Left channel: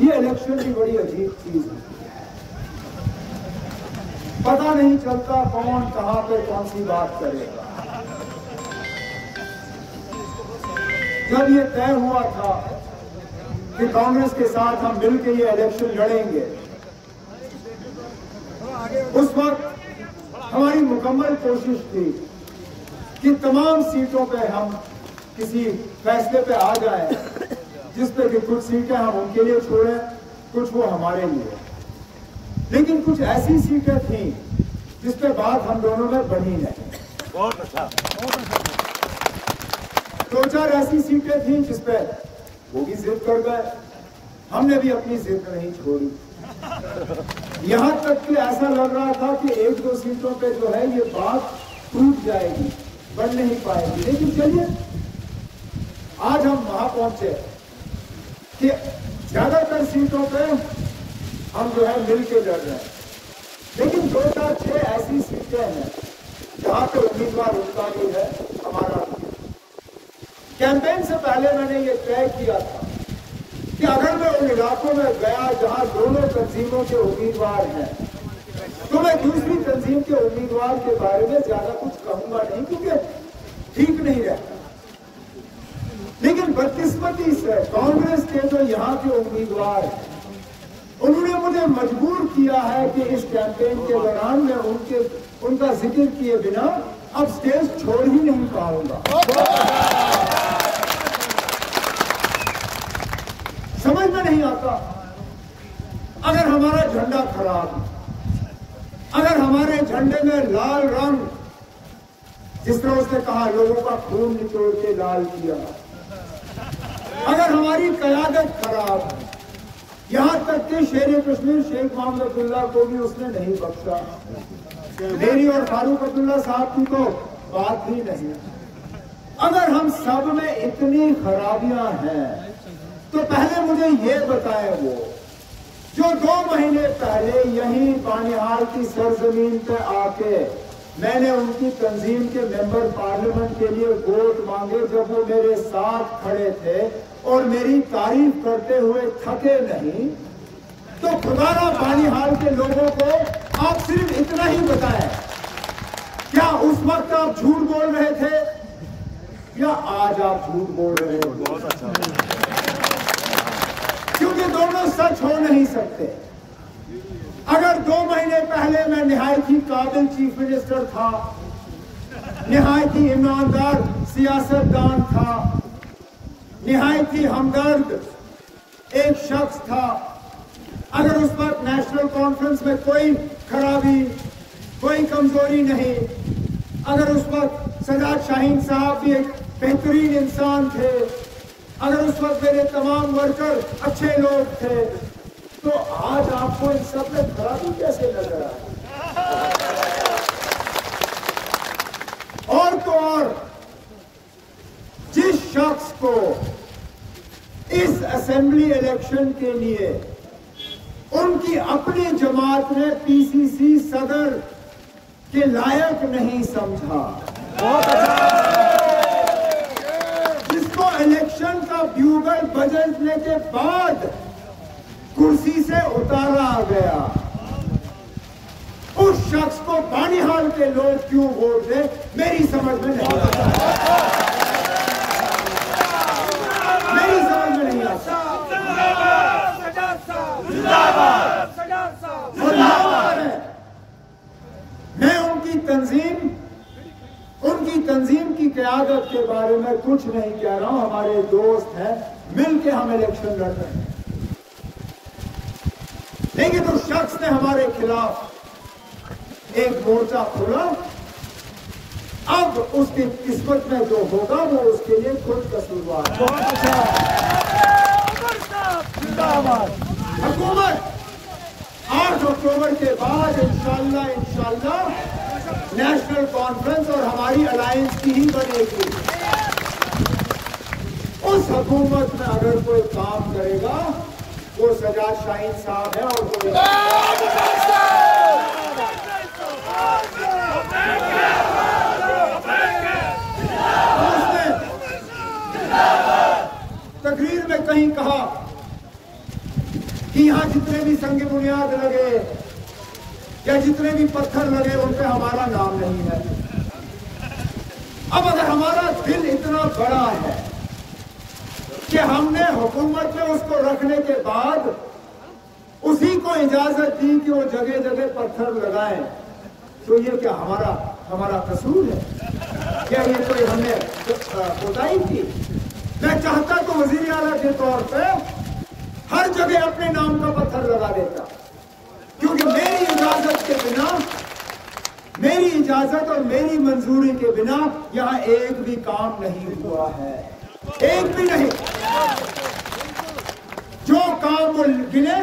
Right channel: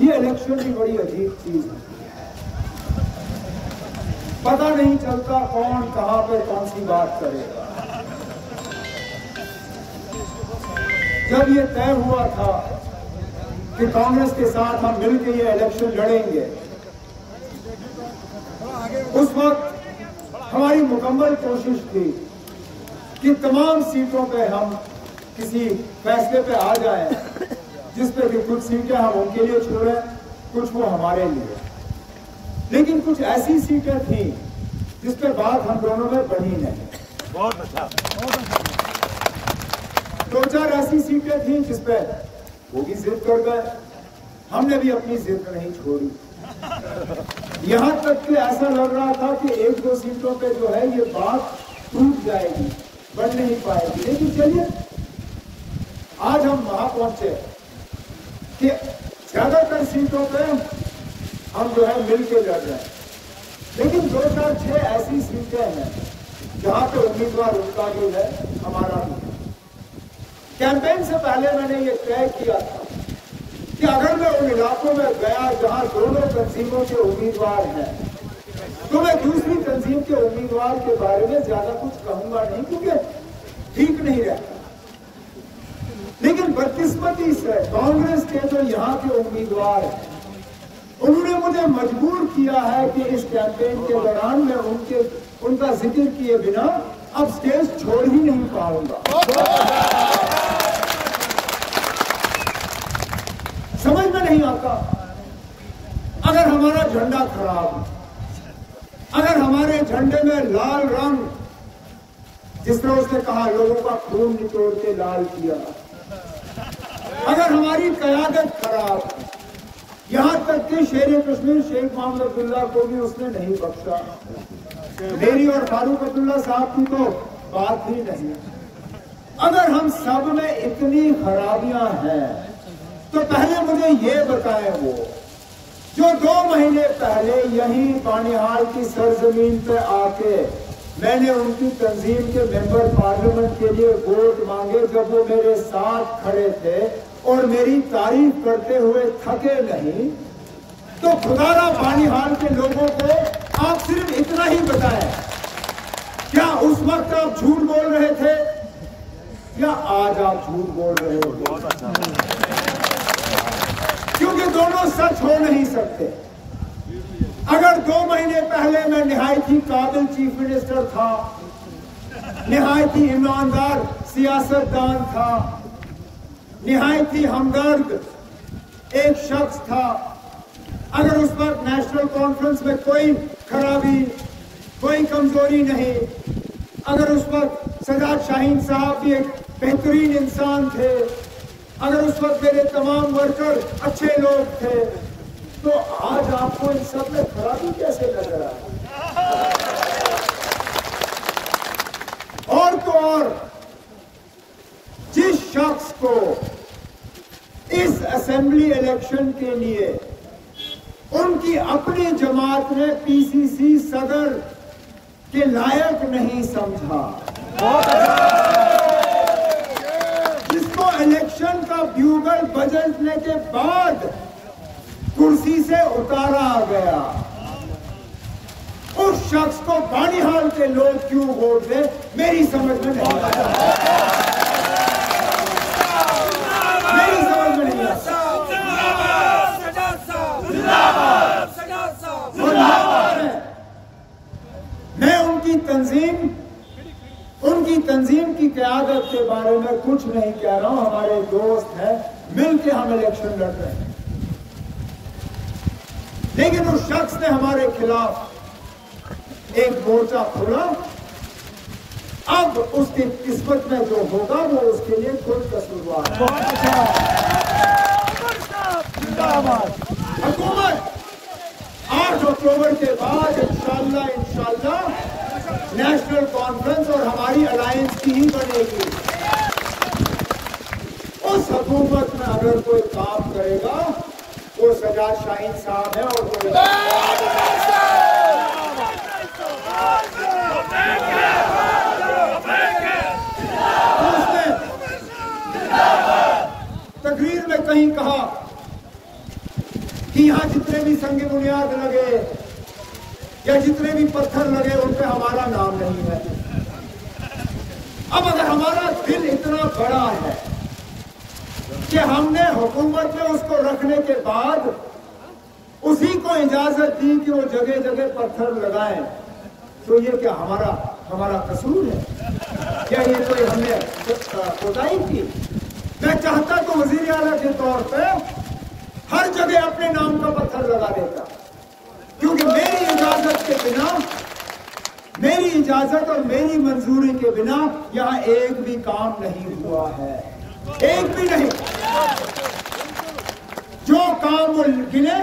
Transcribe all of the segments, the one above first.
ये इलेक्शन की बड़ी अजीब चीज है, पता नहीं चलता कौन कहां पे कौन सी बात करेगा। जब ये तय हुआ था कि कांग्रेस के साथ हम मिलकर ये इलेक्शन लड़ेंगे, उस वक्त हमारी मुकम्मल कोशिश थी कि तमाम सीटों पे हम किसी फैसले पे आ जाएं, जिसपे कि कुछ सीटें हम उनके लिए छोड़ें, कुछ वो हमारे लिए। लेकिन कुछ ऐसी सीटें थी जिसपे बात हम दोनों में बनी नहीं। बहुत अच्छा। दो चार ऐसी सीटें थी जिसपे वो भी जिद कर गए, हमने भी अपनी जिद नहीं छोड़ी। यहां तक कि ऐसा लग रहा था कि एक दो सीटों पे जो है ये बात टूट जाएगी, बढ़ नहीं पाएगी। लेकिन चलिए, आज हम वहां पहुंचे कि ज्यादातर सीटों पे हम जो है मिल के लड़ रहे हैं। लेकिन दो चार छह ऐसी सीटें हैं जहां पे उम्मीदवार उनका भी है, हमारा भी। कैंपेन से पहले मैंने ये तय किया था कि अगर मैं उन इलाकों में गया जहां दोनों तंजीमों के उम्मीदवार हैं, तो मैं दूसरी तंजीम के उम्मीदवार के बारे में ज्यादा कुछ कहूंगा नहीं, क्योंकि ठीक नहीं रहता। लेकिन बदकिस्मती से कांग्रेस के जो यहाँ के उम्मीदवार हैं, उन्होंने मुझे मजबूर किया है कि इस कैंपेन के दौरान मैं उनका जिक्र किए बिना अब स्टेज छोड़ ही नहीं पाऊंगा। समझ में नहीं आता, अगर हमारा झंडा खराब, अगर हमारे झंडे में लाल रंग, जिस तरह उसने कहा लोगों का खून निचोड़ के लाल किया, अगर हमारी क़यादत खराब, यहां तक कि शेर कश्मीर शेख मोहम्मद अब्दुल्ला को भी उसने नहीं बख्शा, मेरी और फारूक अब्दुल्ला साहब की तो बात ही नहीं। अगर हम सब में इतनी खराबियां हैं, तो पहले मुझे ये बताएं, वो जो 2 महीने पहले यहीं बानिहाल की सरजमीन पे आके मैंने उनकी तंजीम के मेंबर पार्लियामेंट के लिए वोट मांगे, जब वो मेरे साथ खड़े थे और मेरी तारीफ करते हुए थके नहीं, तो खुदारा बानिहाल के लोगों को आप सिर्फ इतना ही बताएं, क्या उस वक्त आप झूठ बोल रहे थे या आज आप झूठ बोल रहे हो? बहुत अच्छा। क्योंकि दोनों सच हो नहीं सकते। अगर 2 महीने पहले मैं निहायत ही काबिल चीफ मिनिस्टर था, निहायत ही ईमानदार सियासतदान था, निहायत ही हमदर्द एक शख्स था, अगर उस वक्त नेशनल कॉन्फ्रेंस में कोई खराबी, कोई कमजोरी नहीं, अगर उस वक्त सजाद शाहीन साहब भी एक बेहतरीन इंसान थे, अगर उस वक्त मेरे तमाम वर्कर अच्छे लोग थे, तो आज आपको इन सब में खराबी कैसे नजर आई? और तो और, जिस शख्स को इस असेंबली इलेक्शन के लिए उनकी अपनी जमात ने पीसीसी सदर के लायक नहीं समझा, जिसको इलेक्शन का ब्यूगल बजने के बाद कुर्सी से उतारा गया, उस शख्स को बानिहाल के लोग क्यों वोट दे, मेरी समझ में नहीं आता। मेरी समझ में नहीं आता। मैं उनकी तंजीम की क़यादत के बारे में कुछ नहीं कह रहा हूं। हमारे दोस्त हैं, मिलके हम इलेक्शन लड़ रहे हैं। लेकिन उस शख्स ने हमारे खिलाफ एक मोर्चा खोला। अब उसकी किस्मत में जो होगा वो उसके लिए खुद कसूरवार है। हुकूमत 8 अक्टूबर के बाद इंशाल्लाह नेशनल कॉन्फ्रेंस और हमारी अलायंस की ही बनेगी। उस हुकूमत में अगर कोई काम करेगा वो सजाद शाहीन साहब है और कोई उसने तकरीर में कहीं कहा कि यहाँ जितने भी संग बुनियाद लगे या जितने भी पत्थर लगे उन पे हमारा नाम नहीं है। अब अगर हमारा दिल इतना बड़ा है कि हमने हुकूमत में उसको रखने के बाद उसी को इजाजत दी कि वो जगह जगह पत्थर लगाएं, तो ये क्या हमारा कसूर है? क्या ये कोई हमने कोताही की? मैं चाहता तो वजीर आला के तौर पे हर जगह अपने नाम का पत्थर लगा देता, क्योंकि मेरी इजाजत के बिना, मेरी इजाजत और मेरी मंजूरी के बिना यहां एक भी काम नहीं हुआ है, एक भी नहीं। जो काम वो गिने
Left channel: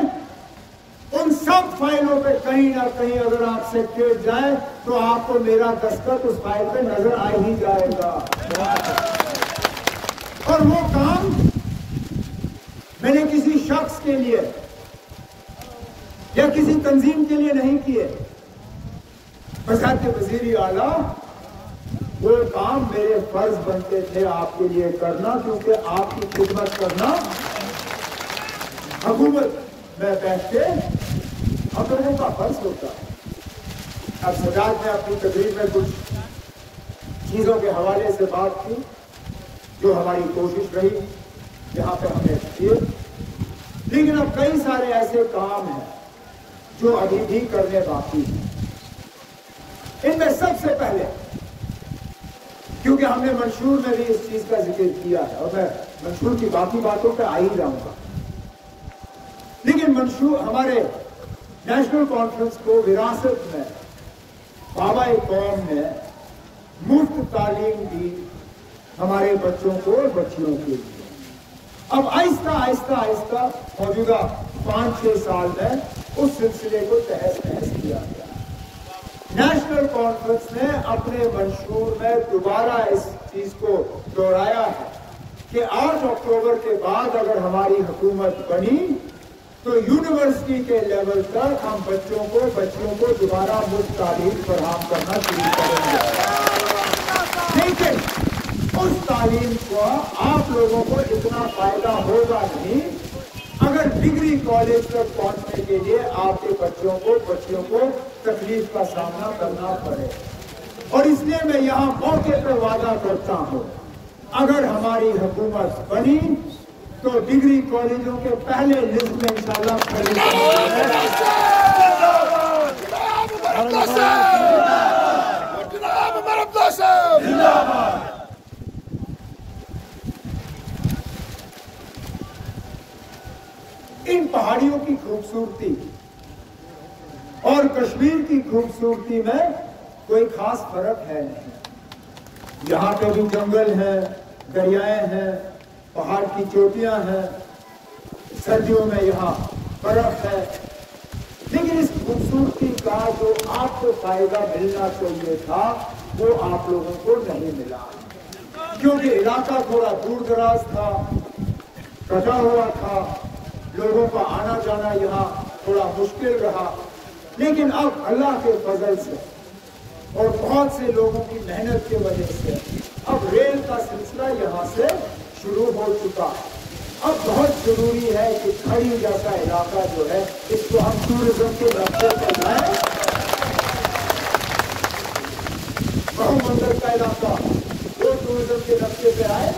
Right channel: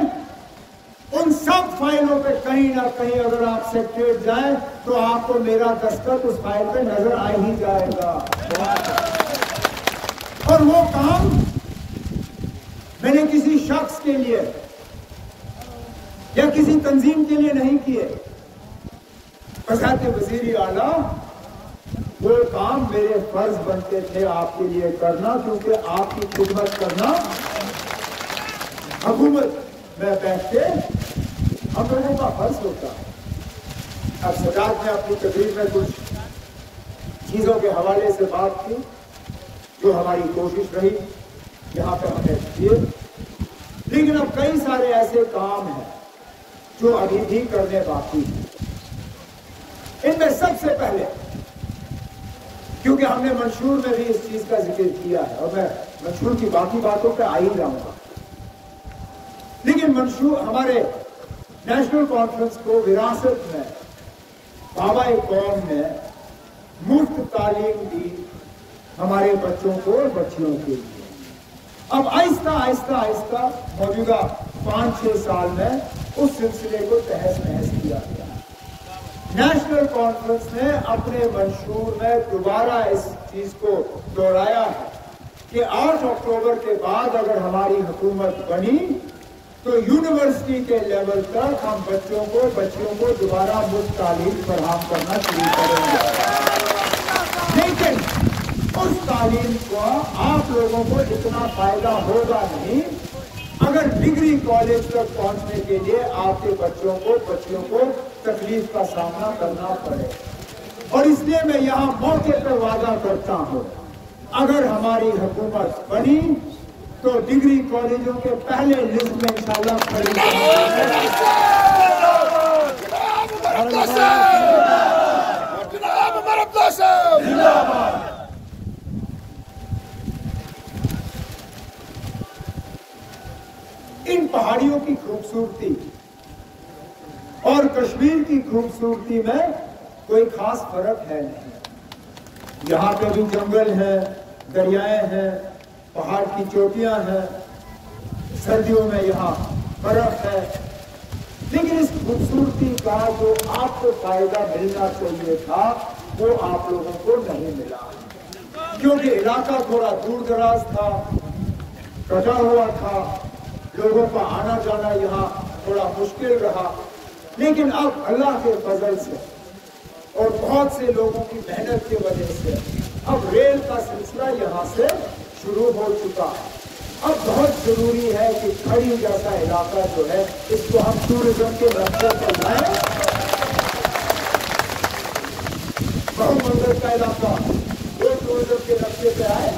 उन सब फाइलों पे कहीं ना कहीं अगर आप सेक्रेटरीट जाएं तो आपको मेरा दस्तखत उस फाइल पे नजर आ ही जाएगा। और वो काम मैंने किसी शख्स के लिए या किसी तंजीम के लिए नहीं किए। बजाते वजीर आला वो काम मेरे फर्ज बनते थे आपके लिए करना, क्योंकि आपकी खिदमत करना हुकूमत में बैठ के हम लोगों का फर्ज होता है। अब सजाद ने अपनी तकरीर में कुछ चीजों के हवाले से बात की जो हमारी कोशिश रही यहाँ पे हमने किए, लेकिन अब कई सारे ऐसे काम हैं जो अभी भी करने बाकी हैं। इनमें सबसे पहले, क्योंकि हमने मंशूर में भी इस चीज का जिक्र किया है और मैं मंशूर की बाकी बातों पे आ ही जाऊंगा, लेकिन मंशूर हमारे नेशनल कॉन्फ्रेंस को विरासत में बाबा कौम ने मुफ्त तालीम दी हमारे बच्चों को और बच्चियों के लिए। अब आहिस्ता आहिस्ता आहिस्ता मौजूदा 5-6 साल में उस सिलसिले को तहस नहस किया गया। नेशनल कॉन्फ्रेंस ने अपने मंशूर में दोबारा इस चीज को दोहराया है कि 8 अक्टूबर के बाद अगर हमारी हुकूमत बनी तो यूनिवर्सिटी के लेवल तक हम बच्चों को बच्चियों को दोबारा मुफ्त तालीम फराहम करना शुरू करेंगे। लेकिन उस तालीम को आप लोगों को इतना फायदा होगा नहीं अगर डिग्री कॉलेज तक पहुंचने के लिए आपके बच्चों को बच्चियों को तकलीफ का सामना करना पड़े। और इसलिए मैं यहाँ मौके पर वादा करता हूँ, अगर हमारी हुकूमत बनी तो डिग्री कॉलेजों के पहले लिस्ट में इंशाल्लाह खड़ी इन पहाड़ियों की खूबसूरती और कश्मीर की खूबसूरती में कोई खास फर्क है नहीं। यहाँ पे भी जंगल है, दरियाएं हैं, पहाड़ की चोटियां हैं, सर्दियों में यहाँ बर्फ है, लेकिन इस खूबसूरती का जो आपको फायदा मिलना चाहिए था वो आप लोगों को नहीं मिला, क्योंकि इलाका थोड़ा दूर दराज था, कटा हुआ था, लोगों का आना जाना यहाँ थोड़ा मुश्किल रहा। लेकिन अब अल्लाह के फजल से और बहुत से लोगों की मेहनत की वजह से अब रेल का सिलसिला यहाँ से शुरू हो चुका है। अब बहुत जरूरी है कि खड़ी जैसा इलाका जो है इसको हम टूरिज्म के रास्ते पे लाएं। बहुमंगल का इलाका वो टूरिज्म के रास्ते पे आए।